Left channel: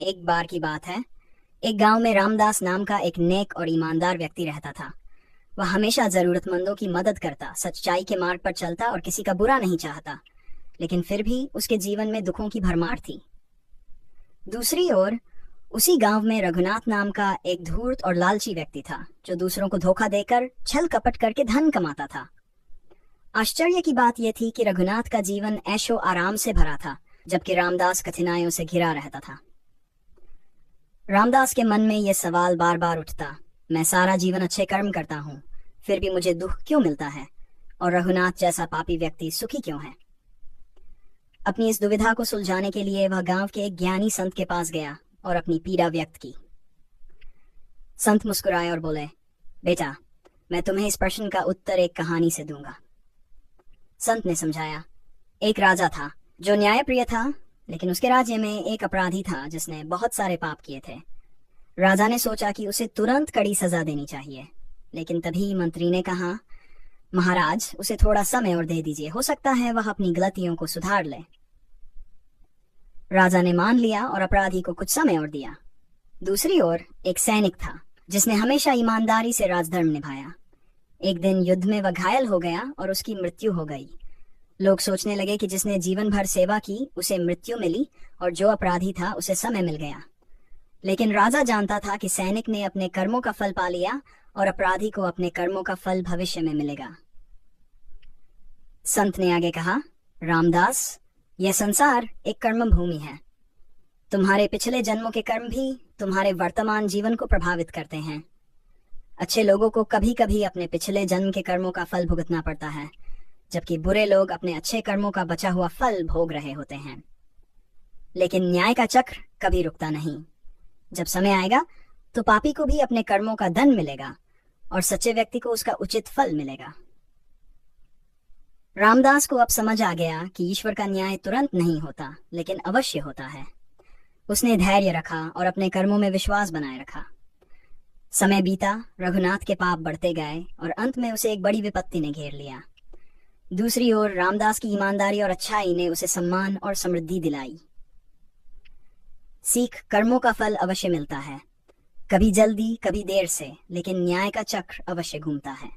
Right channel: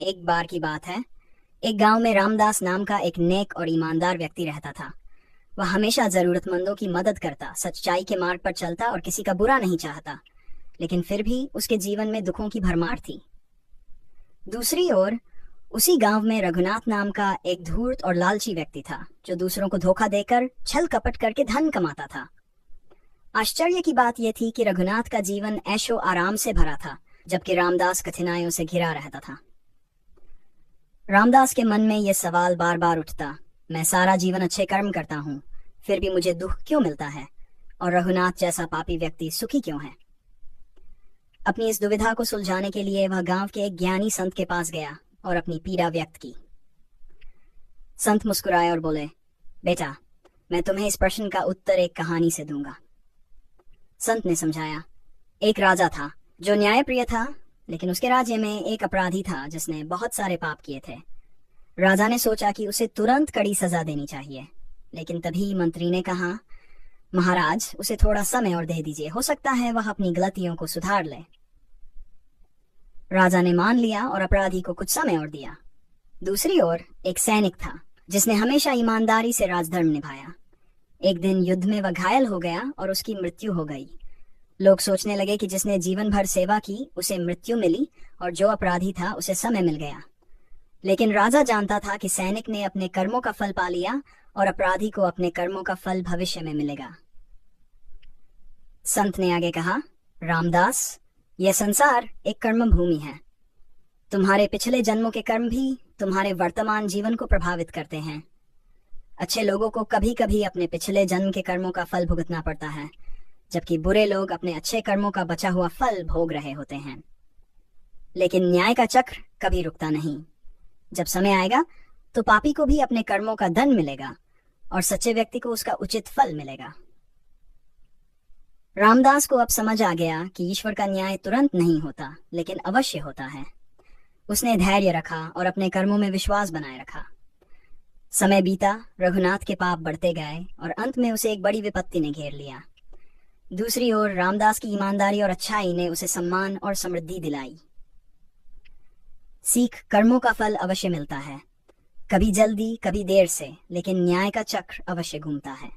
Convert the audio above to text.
एक बार की बात है। एक गांव में रामदास नाम का एक नेक और ईमानदार व्यक्ति रहता था। वह हमेशा जरूरतमंदों की मदद करता, सच्चाई के मार्ग पर चलता और किसी का बुरा नहीं चाहता। लेकिन फिर भी उसके जीवन में दुखों की भरमार थी। दूसरी ओर उसी गांव में रघुनाथ नाम का एक धूर्त और लालची व्यक्ति था, जो दूसरों को धोखा देकर छल कपट करके धन कमाता था। आश्चर्य की बात यह थी कि रघुनाथ का जीवन ऐशो आराम से भरा था, जबकि रामदास कठिनाइयों से घिरा रहता था। रामदास के मन में यह सवाल बार बार उठता, मैं सारा जीवन अच्छे कर्म करता हूँ, फिर भी मुझे दुख क्यों मिलता है, और रघुनाथ जैसा पापी व्यक्ति सुखी क्यों है। अपनी इस दुविधा को सुलझाने के लिए वह गांव के एक ज्ञानी संत के पास गया और अपनी पीड़ा व्यक्त की। संत मुस्कुराए और बोले, बेटा, मैं तुम्हें इस प्रश्न का उत्तर एक कहानी से दूंगा। संत ने समझाया, एक राजा था जो न्यायप्रिय था, लेकिन उसके राज्य में एक अपराधी था जिसने बहुत सारे पाप किए थे। राजा ने सोचा कि उसे तुरंत कड़ी सजा देनी चाहिए, लेकिन तभी मंत्री ने कहा, महाराज, उसे थोड़ा समय और दे दीजिए, हो सकता है वह अपनी गलतियों को सुधार ले। राजा ने मान लिया और अपराधी को कुछ समय और दिया। दूसरी ओर एक सैनिक था जिसने हमेशा ईमानदारी से राजधर्म निभाया। एक दिन युद्ध में वह घायल हो गया और उसकी मृत्यु हो गई। लोग सोचने लगे कि जिसने जीवन भर सेवा की उसे मृत्यु मिली, और जो अपराधी था उसे समय मिल गया। लेकिन राजा जानता था कि सैनिक ने अपने कर्मों का फल पा लिया और अपराधी को अपने कर्मों का फल भविष्य में मिलेगा। संत ने आगे कहा, रामदास, यह संसार एक कर्म भूमि है। तुम्हारे पिछले जन्मों के कर्म भी तुम्हारे वर्तमान जीवन को प्रभावित करते हैं। अच्छे लोगों को कभी कभी अपने पिछले जन्म के कर्मों का फल भुगतना पड़ता है, जबकि बुरे लोग अपने अच्छे कर्मों का बचा हुआ फल भोग रहे होते हैं। लेकिन न्याय का चक्र कभी रुकता नहीं। जब समय आएगा तो पापी को भी अपने कर्मों का धन मिलेगा और सच्चे व्यक्ति को उसका उचित फल मिलेगा। रामदास को अब समझ आ गया कि ईश्वर का न्याय तुरंत नहीं होता, लेकिन अवश्य होता है। उसने धैर्य रखा और अपने कर्मों में विश्वास बनाए रखा। समय बीता, रघुनाथ के पाप बढ़ते गए और अंत में उसे एक बड़ी विपत्ति ने घेर लिया। दूसरी ओर रामदास की ईमानदारी और अच्छाई ने उसे सम्मान और समृद्धि दिलाई। सीख, कर्मों का फल अवश्य मिलता है, कभी जल्दी कभी देर से, लेकिन न्याय का चक्र अवश्य घूमता है।